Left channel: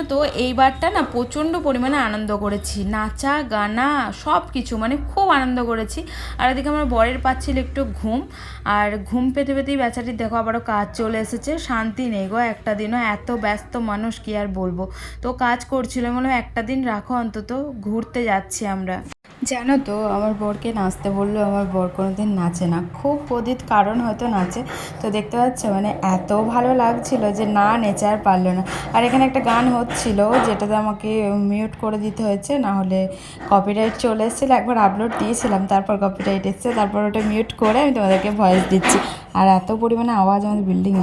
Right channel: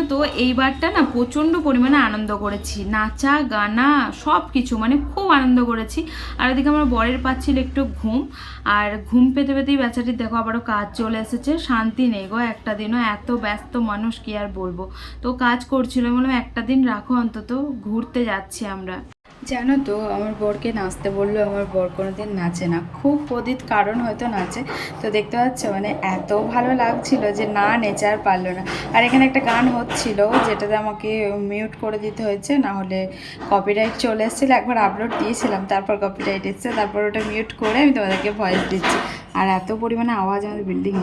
জানো তো এইবারটা না প্রচণ্ড পরিমাণে আনন্দ করেছি, নাচা গানা সব কিছু, মানে খুব আনন্দ করেছি। আর এদিকে আমার বরের পাচ্ছিল একটু ঘুম, আর ঘুম পেতে পেতেই বেচারির দেখো আবারও কাজ চলে এসেছে। শান্তি নেই গো একটা দিনও, এত ব্যস্ত মানুষ কি আর বলবো। তো কাজ করছিল, মানে একটা দিন রাখো অন্তত, ঘুরতে যাচ্ছি আমরা। জানো তো আমার বরকে নাচতে বললো, আমার বর কোনোদিন নাচে না, খুব প্রদিত কারণ হয়তো নাচে। তো দেখতে পাচ্ছ মানে এত ভালো লাগছিল যে না নেচে আর পারলো না। আর এখানে একটা গান হচ্ছিল যেটাতে আমাকে মিউট করে দিতে হয়েছে, না হলে কপিরাইট চলে এসেছিলো। একবার আপলোড দিয়েছিলাম, তারপর কপিরাইট এসছে, তারপর ওটা মিউট করে আমি তোমাদেরকে ভয়েস দিচ্ছি। আর এত পরিমাণে আওয়াজ আমাদের বিল্ডিং।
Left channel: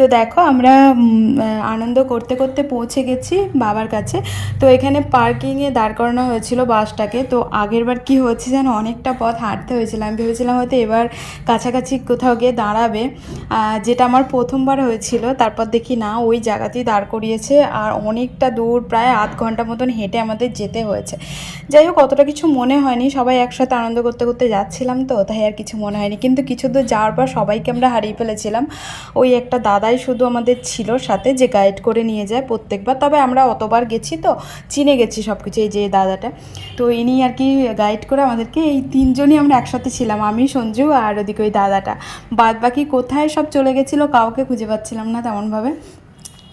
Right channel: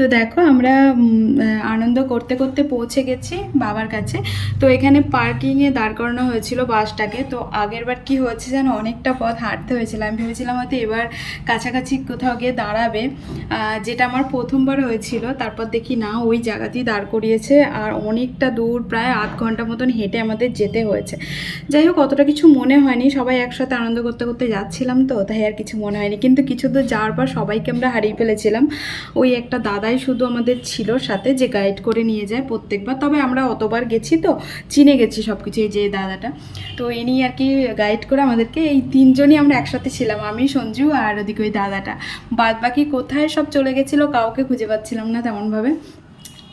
তো দেখো আমরা আনন্দ করতে করতে পৌঁছে গেছি বাবার কাছে। তো এখানে পার্কিংয়ে দাঁড় করানো হয়েছিল বাসটাকে। তো আগের বার কী হয়েছে যেন অনেকটা পথ হাঁটতে হয়েছিল, আমি ভেবেছিলাম হয়তো এবার কাছাকাছি কোথাও গিয়ে দাঁড়াবে, যেটা আমার প্রথমবার হয়েছিল। তারপর দেখি না, ওই জায়গাতেই দাঁড় করিয়েছে, আর অনেকটা দূর, প্রায় আধ ঘন্টা মতন হেঁটে আমাদের যেতে হয়েছে। যাই হোক অতটা কিছু মনে হয়নি, সবাই একসাথে আনন্দ করতে করতে যাচ্ছিলাম, তো তাই আর কিছু মনে হয়নি। কিন্তু কিছু দূর যাওয়ার পর সবাইকে আমরা হারিয়ে ফেলেছিলাম। ওই একটা দাদাই শুধু আমাদের ছিল সাথে, যে গাইড করে নিয়ে যায় প্রত্যেকবার। তবে আমরা অতবার গেছি তো চিনে গেছি সব কিছু, এই যে দাদাটা। তো ইনি আর কি গাইড করে আমাদেরকে, এই তিনজনই আমরা একসাথে ছিলাম, আমি, সঞ্জু আর ওদিকে ওই দাদাটা। বাদ বাকি কোথায় সব চলে গেছিলো কাউকে খুঁজে পাচ্ছিলাম না তেমনভাবে।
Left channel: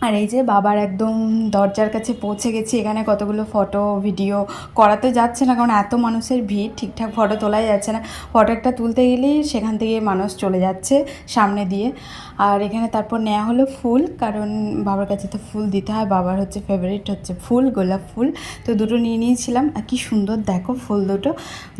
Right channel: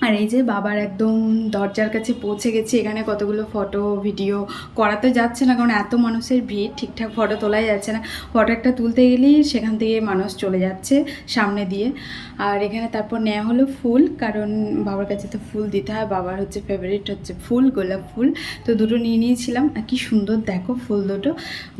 আর এই যে বাবার একদম দরজার কাছে পৌঁছে গেছি। এখানে কতগুলো ফটো ভিডিও করা তো যাচ্ছে না, কারণ এত মানুষের ভিড়, ঠিকঠাক ফটো তোলাই যাচ্ছে না। ফটো একটা তুলতে গেলেই সেখান থেকে মানুষ চলে যাচ্ছে সামনে দিয়ে। আর এখানে তারপর নেওয়া হলো ফুল, কারণ বাবার কাছে তো ফুল দিতে হয়, বাবার হচ্ছে ফেভারিট হচ্ছে ফুল, গোলাপ ফুল। তো দুটো নিয়ে নিয়েছিলাম, আর কি সুন্দর দেখো ফুল দুটো,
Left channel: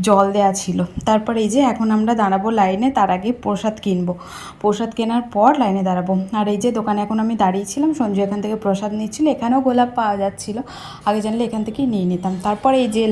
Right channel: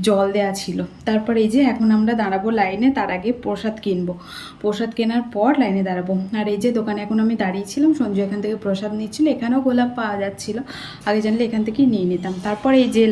জল দেওয়া ছিল। তারপর এই যে এখন আমরা দাঁড়াবো লাইনে, তার আগে প্রসাদ কিনবো। প্রসাদ কেনার পর লাইনে দাঁড়াবো। আর এই যে দোকানে এখন আমি দাঁড়িয়েছিলাম, সঞ্জু এখান থেকে প্রসাদ নিচ্ছিল। এখানেও গোলাপ পাওয়া যাচ্ছিলো, আগে জানলে এখান থেকেই নিয়ে নিতাম। তারপর এই যে